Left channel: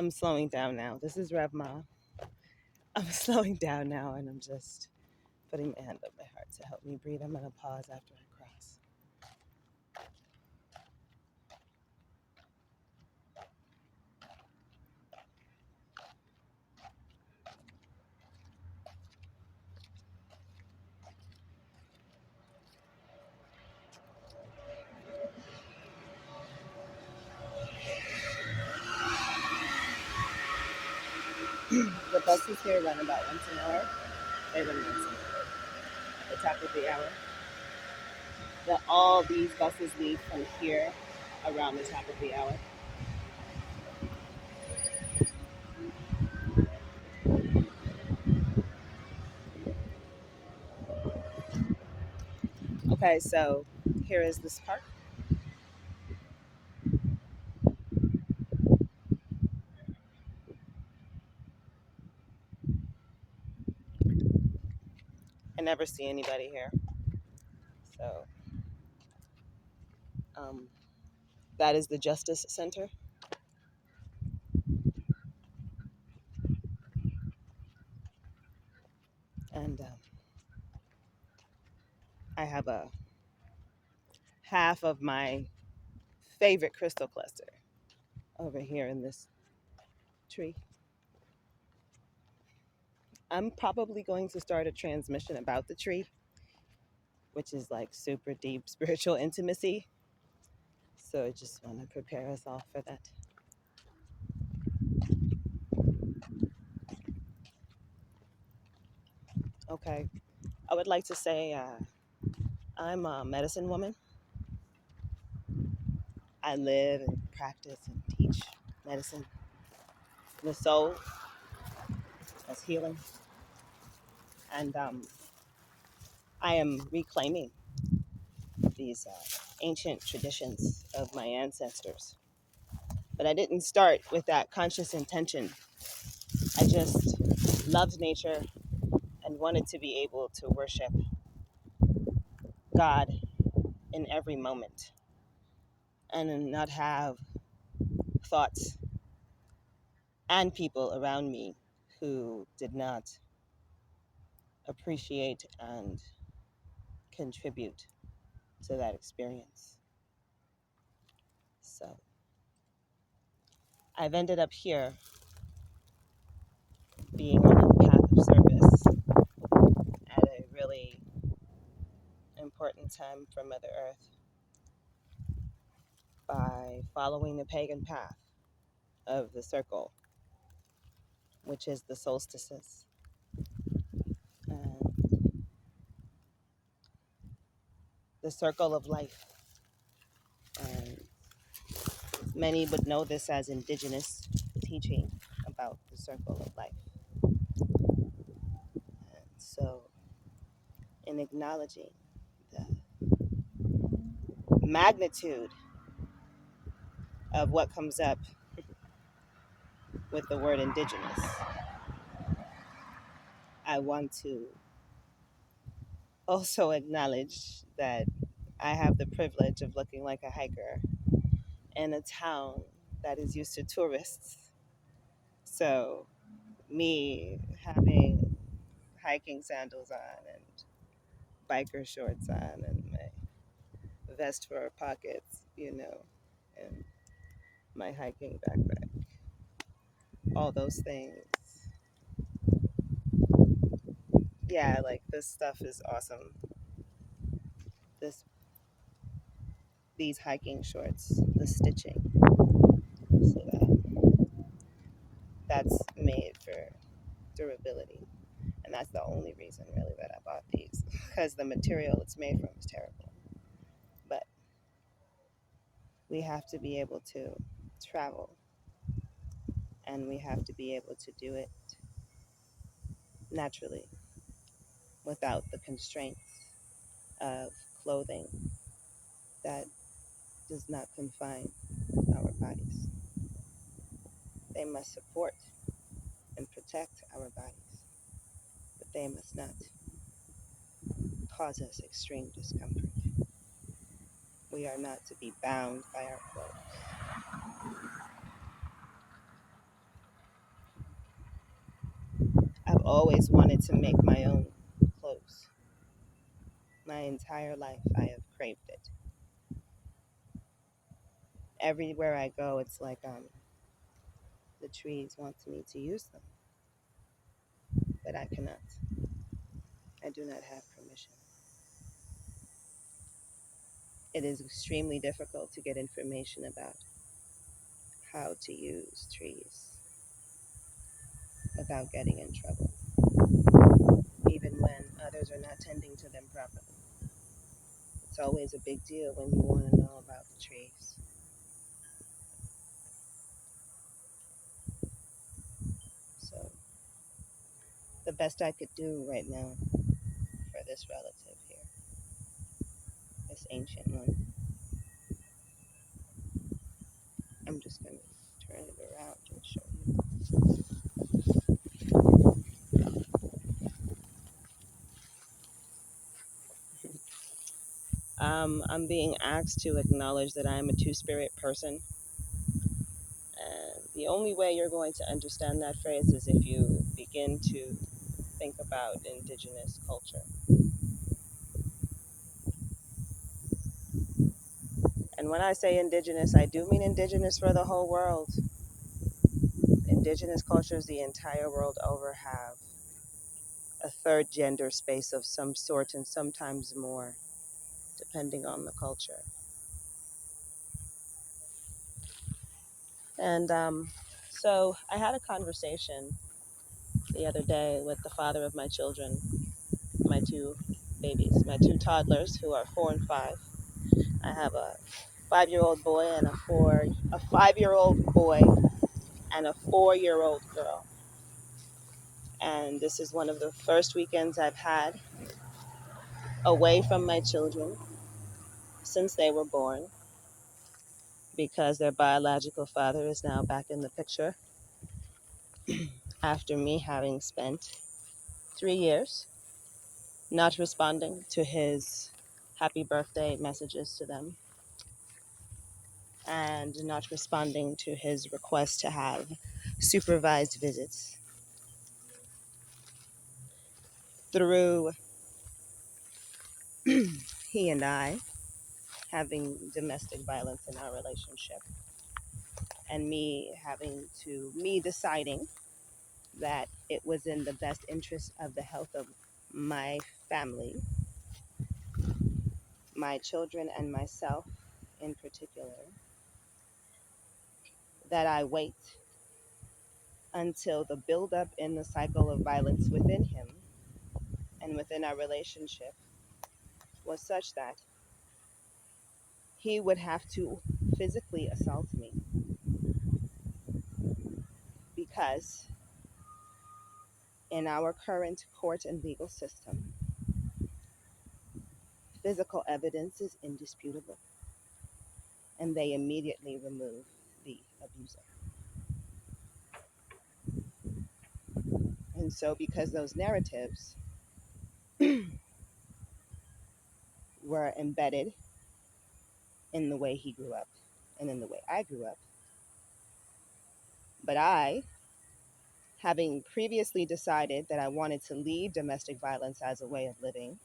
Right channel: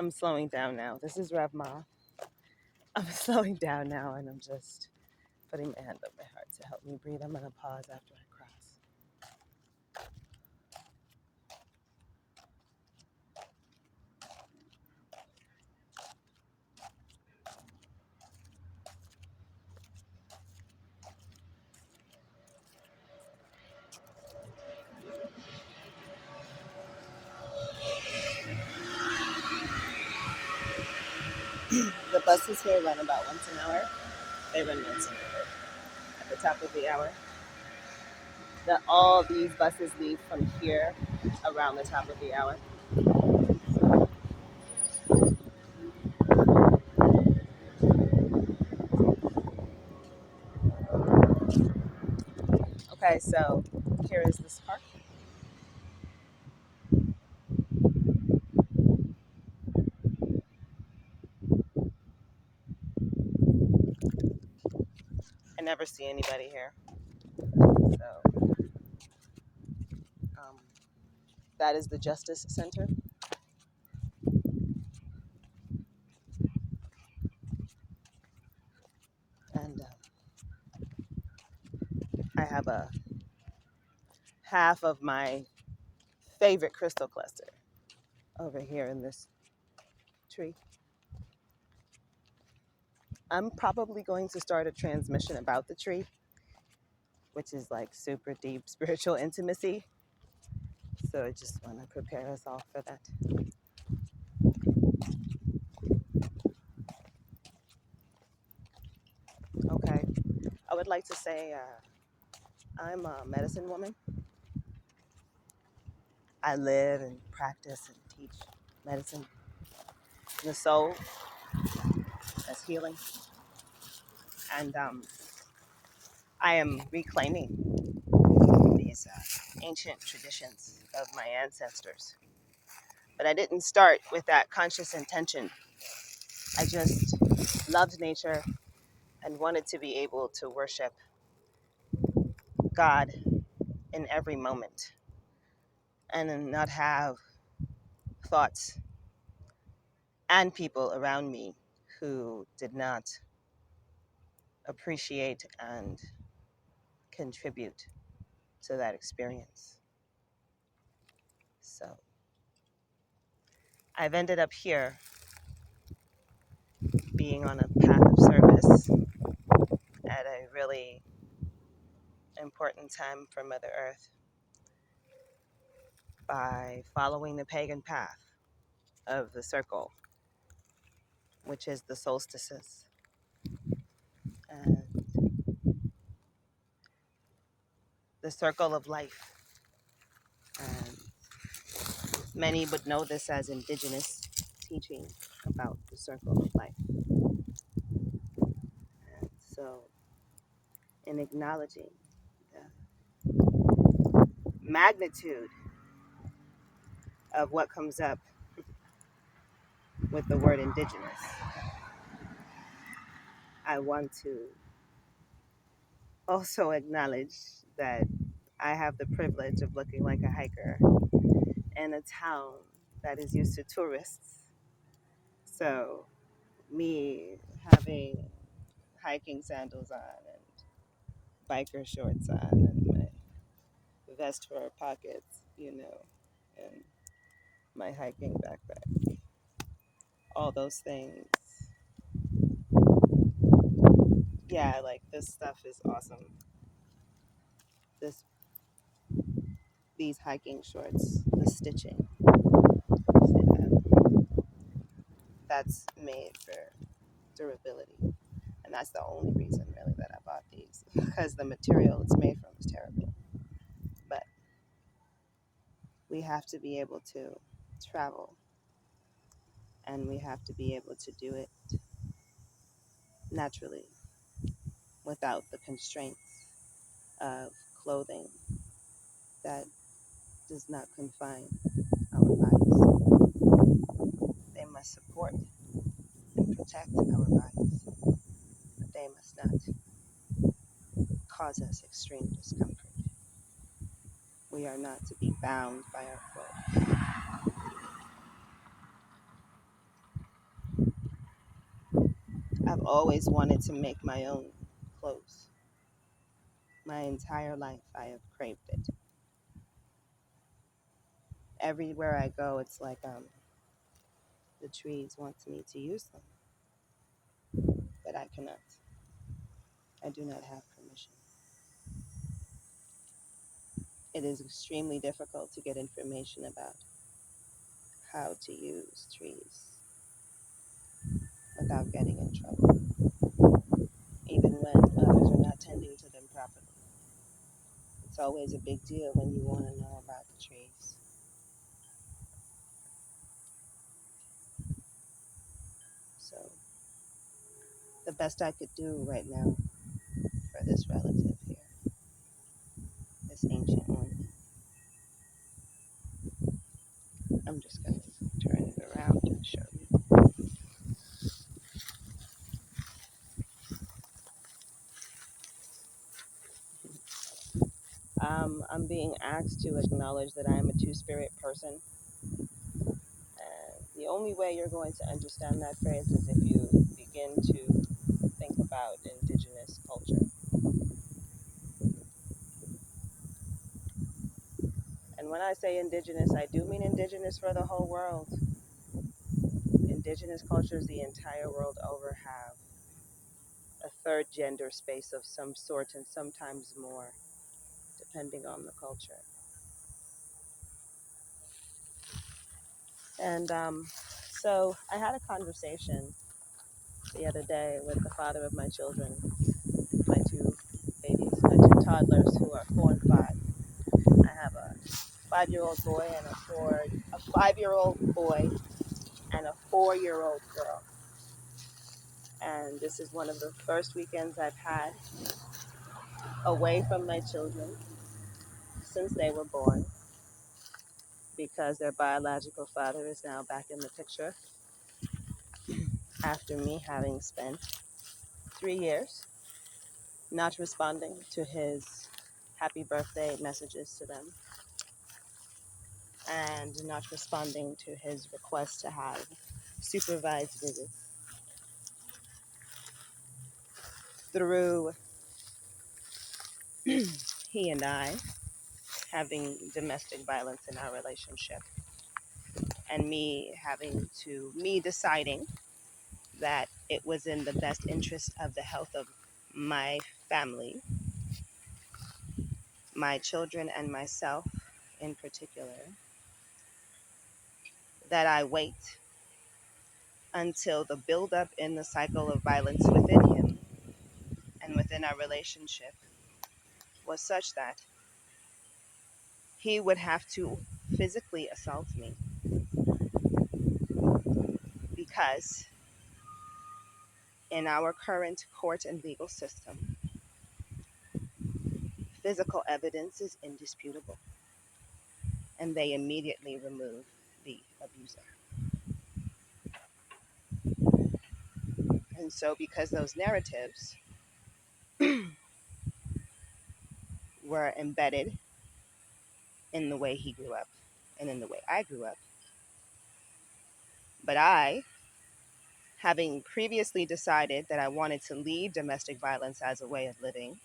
I'm slowing down now. This is Rev Ma. I'm slowing down now and I'm just putting my hand on my heart to help me breathe. I'm going to pause after I cross. The buses here run about once an hour. They run once an hour at the top of the hour. All these buses leave from here around the top of the hour. Okay, so here is this park. I never see anybody here. So um, that is the Justice Center. And I have a half of my favorite crystal cluster over here in this tree. I'm probably going to start a transmission about the tree, which is like super deep spiritual intimacy. So I just want to prepare us all for that. Okay. I would like to say I'm a medicine woman. I live and practice and teach medicine, the soul as healing. And I am reclaiming these ancient traditions of my ancestors. But I didn't start with that conscious intention. I just loved nature and wanted to be able to worship God in every moment and then not have thoughts and people around me who did not appreciate and contribute to that experience. So I've ended up here being on a path of service at a really important time for Mother Earth by following the pagan path of the circle, which is the solstices. And the circle of life. And many would know this as indigenous teaching about the circle of life. And so, in acknowledging the magnitude of what comes up with the word indigenous, I want to also acknowledge that I have the privilege of looking like a hiker in a town that is used to tourists. So, me having hiking sandals on and biker shorts on and my vest for pockets, and my hiking backpack, all those things. Yeah, like this stuff is awesome. This these hiking shorts, the stitching, see that? That's made for durability. And that's the only reason really that I bought these because the material it's made from is terrible. But we have to be able to travel and we have to be able to do it naturally without the constraints of clothing that does not confine our bodies. They must support and protect our bodies, but they must not cause us extreme discomfort. We are not to be bound by our clothes. I've always wanted to make my own clothes. My entire life, I have craved it. Everywhere I go, it's like the trees want me to use them, but I cannot. I do not have permission. It is extremely difficult to get information about how to use trees without getting in trouble, even when others are not tending to them properly. It's always a big deal when you want to know about the trees. So, the best I could do right now for this relative here, this ancient one, I'm just going to turn it around and show you. I'm being asked to acknowledge that I am a two-spirit person. And the only way you're going to understand that phrase is if you begin to think about indigenous culture. And when I say indigenous, I do mean indigenous for the whole world. Indigenous cultures the entire world over have a third gender space of some sort and sometimes more, depending on the culture. And so I had a conversation the other day with the father of my children, my two babies, my two toddlers who are 4 and 5. I have a 5-year-old boy and a 5-year-old boy and a 4-year-old girl. And this is one of the first weekends I've had away from my children since they were born, because their biological father is now back in the picture after me having spent 3 years not responding to his happy birthday messages to them and not responding to his request to have supervised visits. Through he and I having domestic violence in our relationship, and me deciding that it was in the best interest of the health of my family, my children and myself in particular, that I wait until the buildup in the cycle of violence within him and within our relationship was such that he would have to physically assault me, because in our current court and legal system, physical evidence is indisputable, and they immediately remove the abuser. And so, because those narratives were embedded in the way he grew up and in the way I grew up, but I, having previously decided that I wanted to leave domestic violence as a way of living,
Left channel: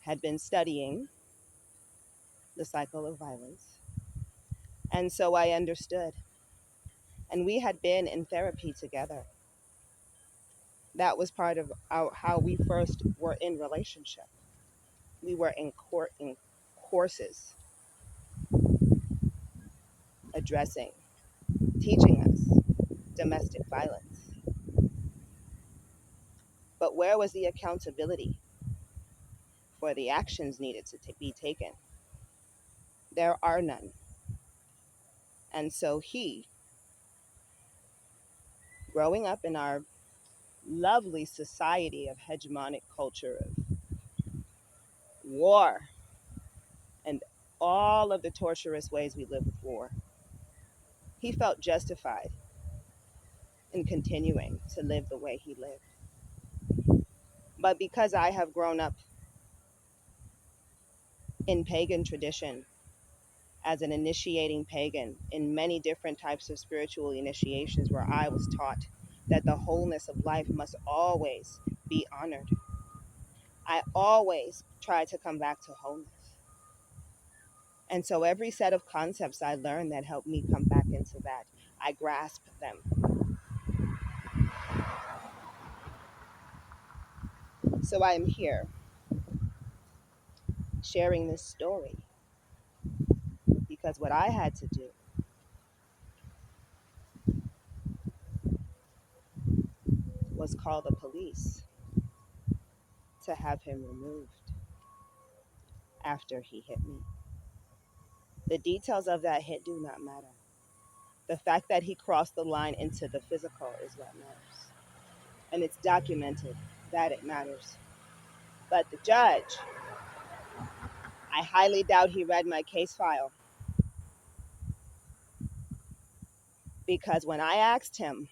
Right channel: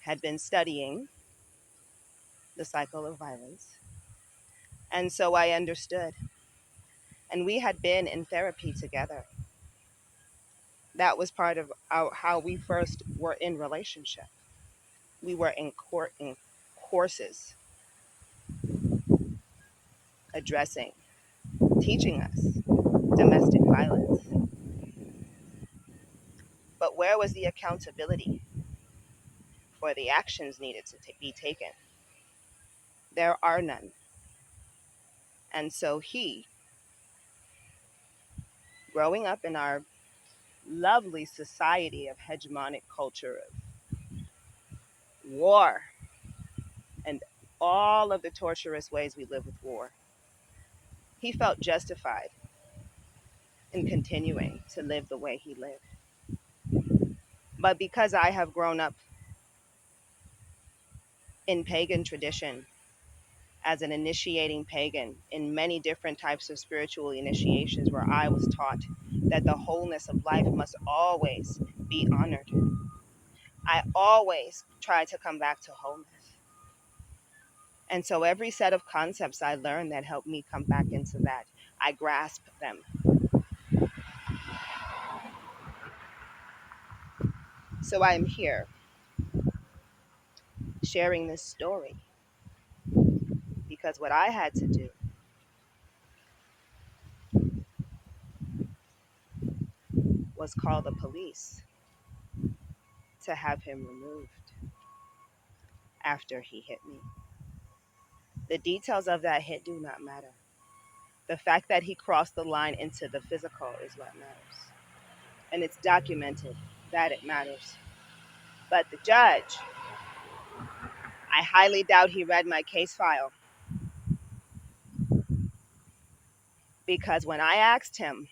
had been studying the cycle of violence. And so I understood. And we had been in therapy together. That was part of how we first were in relationship. We were in courses addressing, teaching us domestic violence. But where was the accountability for the actions needed to be taken? There are none. And so he, growing up in our lovely society of hegemonic culture of war and all of the torturous ways we live with war, he felt justified in continuing to live the way he lived. But because I have grown up in pagan tradition as an initiating pagan in many different types of spiritual initiations where I was taught that the wholeness of life must always be honored. I always try to come back to wholeness. And so every set of concepts I learned that helped me come back into that, I grasp them. So I am here sharing this story because what I had to do was call the police to have him removed after he hit me. The details of that hit do not matter. The fact that he crossed the line into the physical is what matters. And it's documented that it matters. But the judge, I highly doubt he read my case file, because when I asked him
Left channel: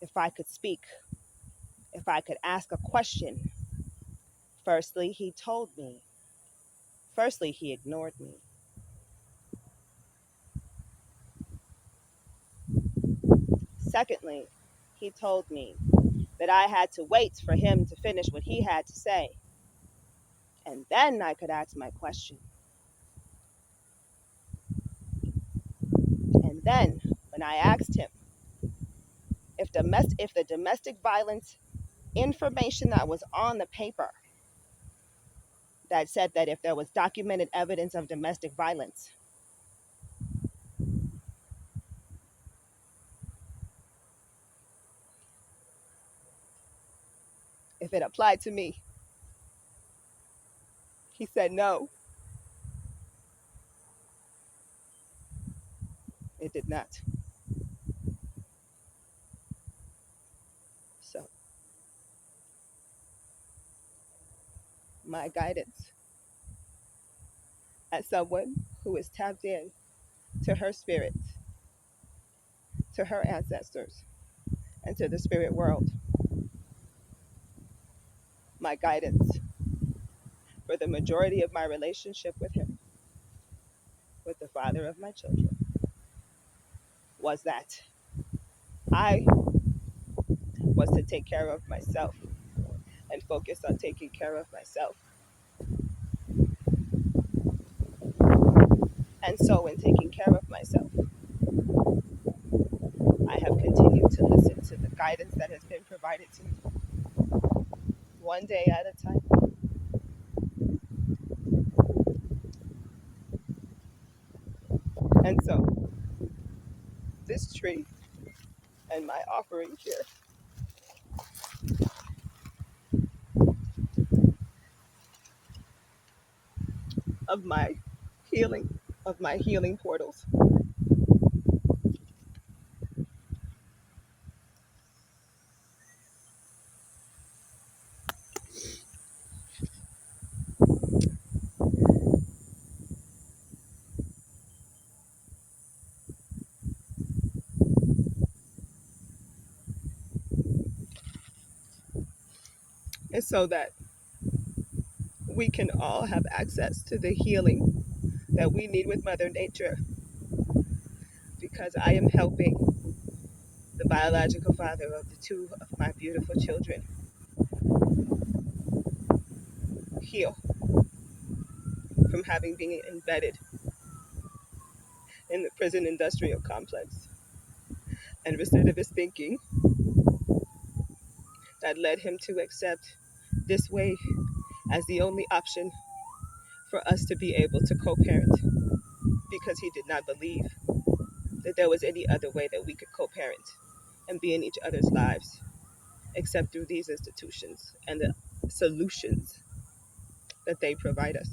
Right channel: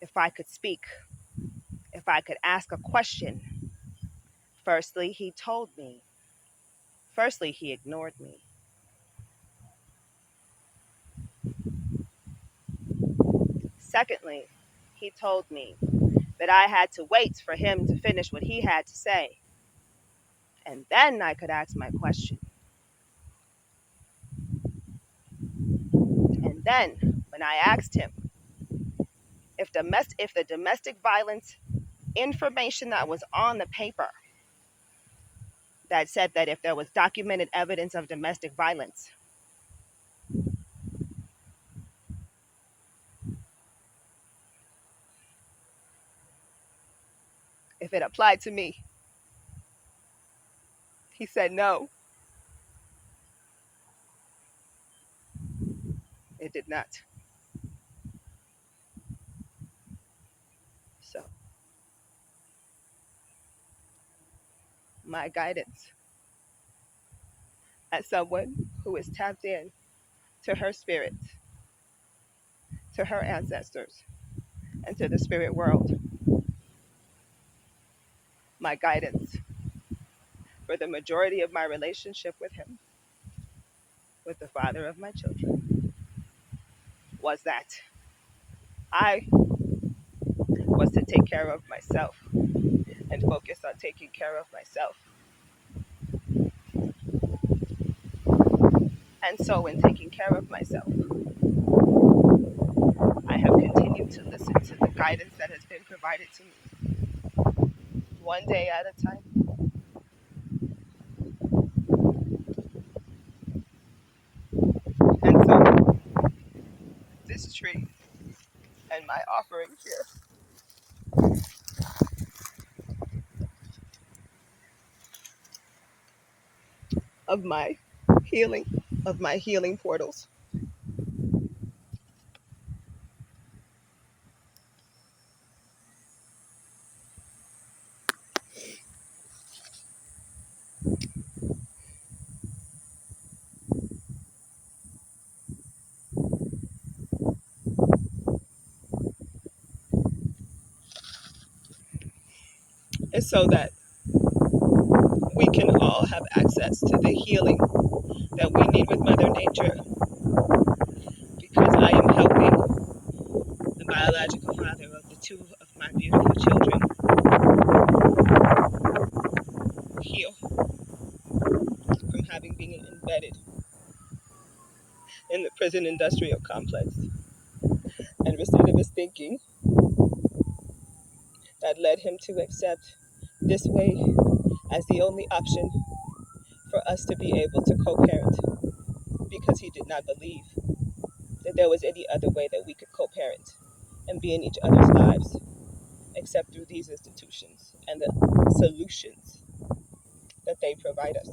if I could speak, if I could ask a question, firstly, he told me. Firstly, he ignored me. Secondly, he told me that I had to wait for him to finish what he had to say, and then I could ask my question. And then, when I asked him if the domestic violence information that was on the paper that said that if there was documented evidence of domestic violence, if it applied to me, he said no, it did not. So, my guidance as someone who is tapped in to her spirit, to her ancestors, and to the spirit world, my guidance for the majority of my relationship with him, with the father of my children, was that I was to take care of myself and focus on taking care of myself. And so, in taking care of myself, I have continued to listen to the guidance that has been provided to me, one day at a time. And so, this tree and my offering here of my healing portals, is so that we can all have access to the healing that we need with Mother Nature, because I am helping the biological father of the two of my beautiful children heal from having been embedded in the prison industrial complex and recidivist thinking that led him to accept this way as the only option for us to be able to co-parent, because he did not believe that there was any other way that we could co-parent and be in each other's lives except through these institutions and the solutions that they provide us.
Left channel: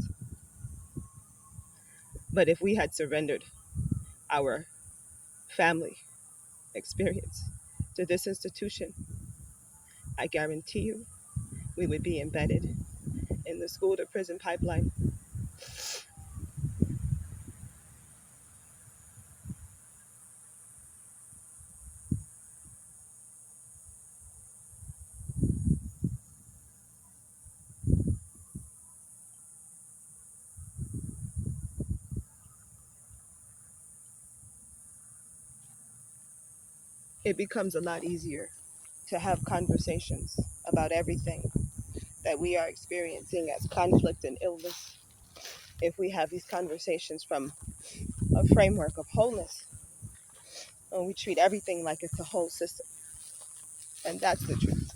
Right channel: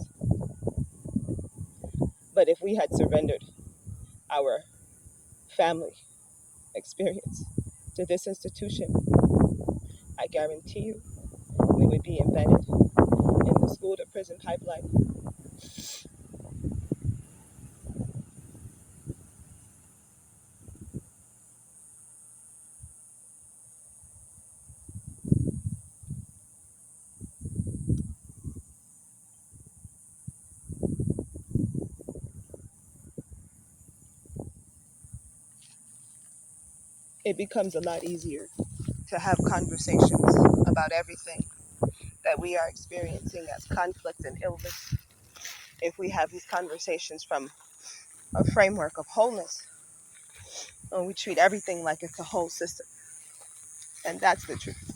But if we had surrendered our family experience to this institution, I guarantee you we would be embedded in the school to prison pipeline. it becomes a lot easier to have conversations about everything that we are experiencing as conflict and illness if we have these conversations from a framework of wholeness and we treat everything like it's a whole system. And that's the truth.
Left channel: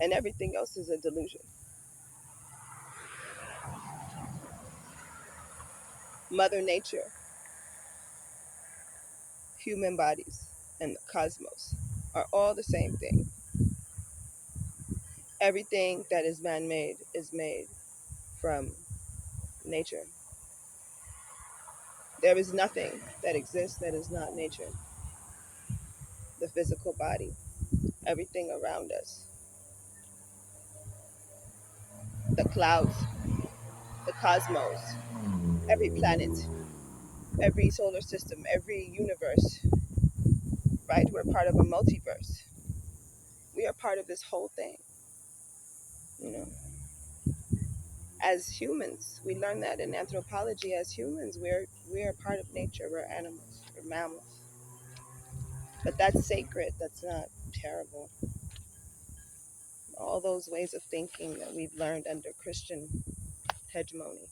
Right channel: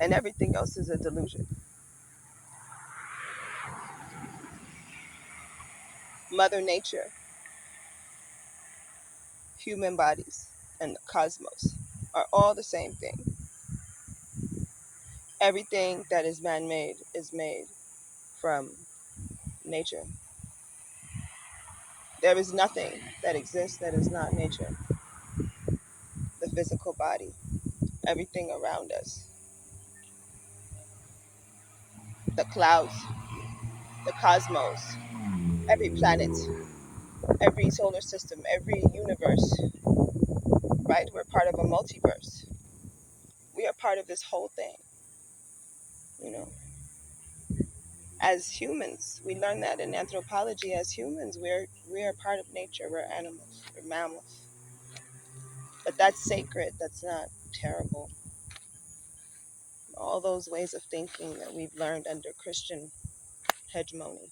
And everything else is a delusion. Mother Nature, human bodies, and the cosmos are all the same thing. Everything that is man made is made from nature. There is nothing that exists that is not nature. The physical body, everything around us, the clouds, the cosmos, every planet, every solar system, every universe, right? We're part of a multiverse. We are part of this whole thing, you know. As humans, we learn that in anthropology. As humans, we're part of nature. We're animals, we're mammals. But that's sacred. That's not terrible. All those ways of thinking that we've learned under Christian hegemony,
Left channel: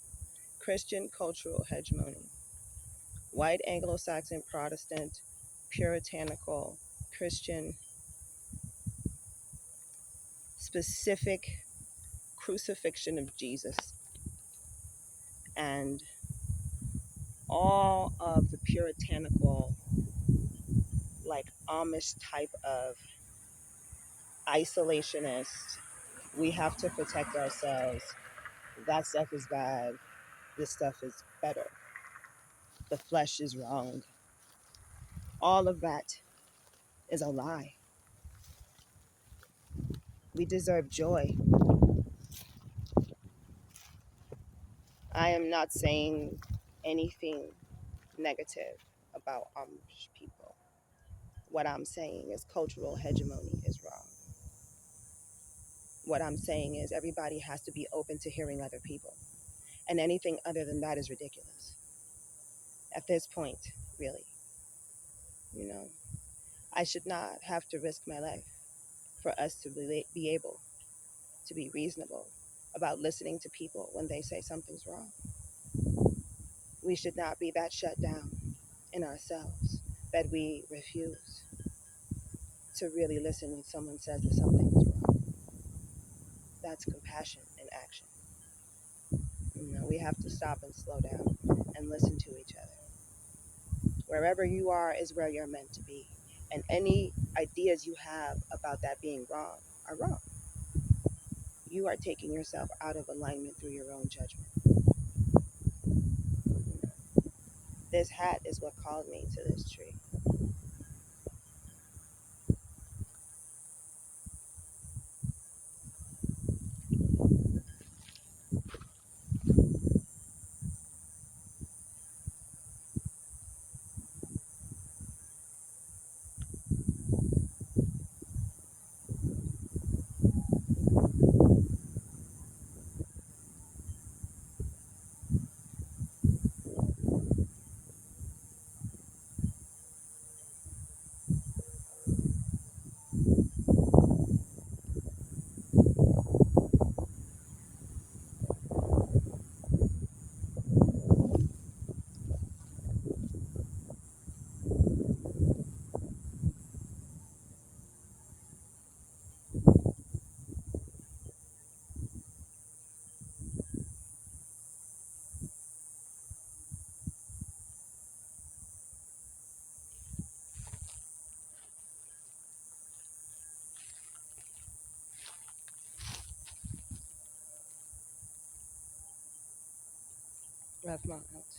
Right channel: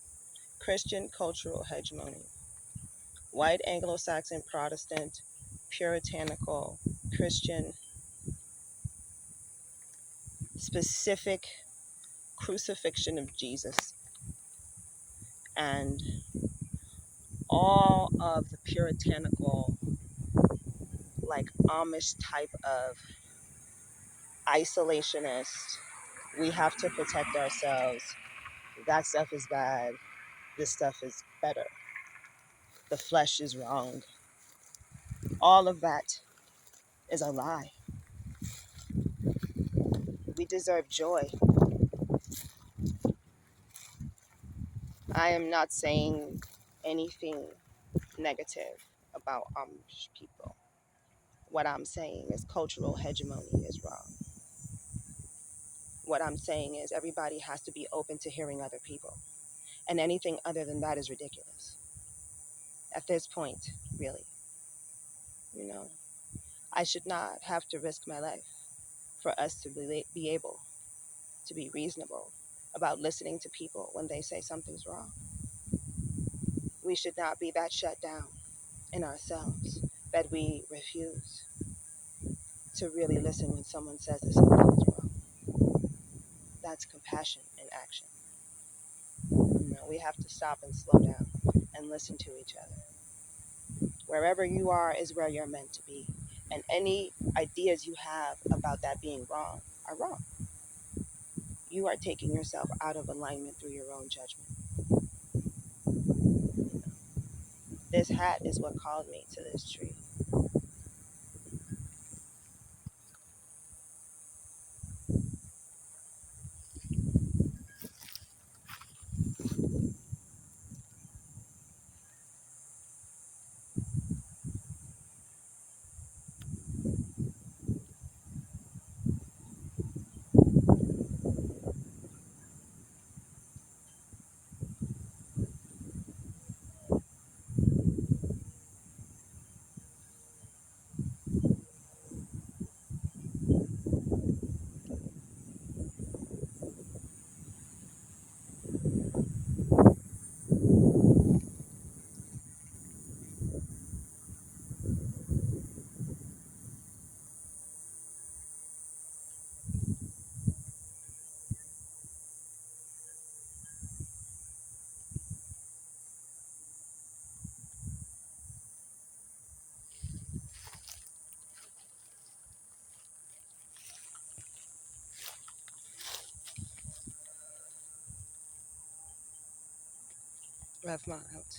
Christian cultural hegemony, white Anglo-Saxon Protestant, puritanical, Christian, specific crucifixion of Jesus, and all of the puritanical, like Amish type of isolationist, we have to protect ourselves. That stuff is bad. This stuff is better. The flesh is wrong. All of that is a lie. We deserve joy. I am not saying anything negative about Amish people. What I'm saying is cultural hegemony is wrong. What I'm saying is everybody has to be open to hearing other people. And anything other than that is ridiculous. At this point, really, you know, I should not have to risk my life for us to be able to be reasonable about listening to people when they say something's wrong. We should not be that shut down in ourselves that we refuse to really listen when someone says that something is wrong. That's compassion in action. You know, we have to stop and slow down and listen to each other. Wherever you are is where you're meant to be. And any ideas you have about that being wrong are wrong. You are taking yourself out of alignment through your own judgment. You know, this hat is what called me to this tree. Rahma out.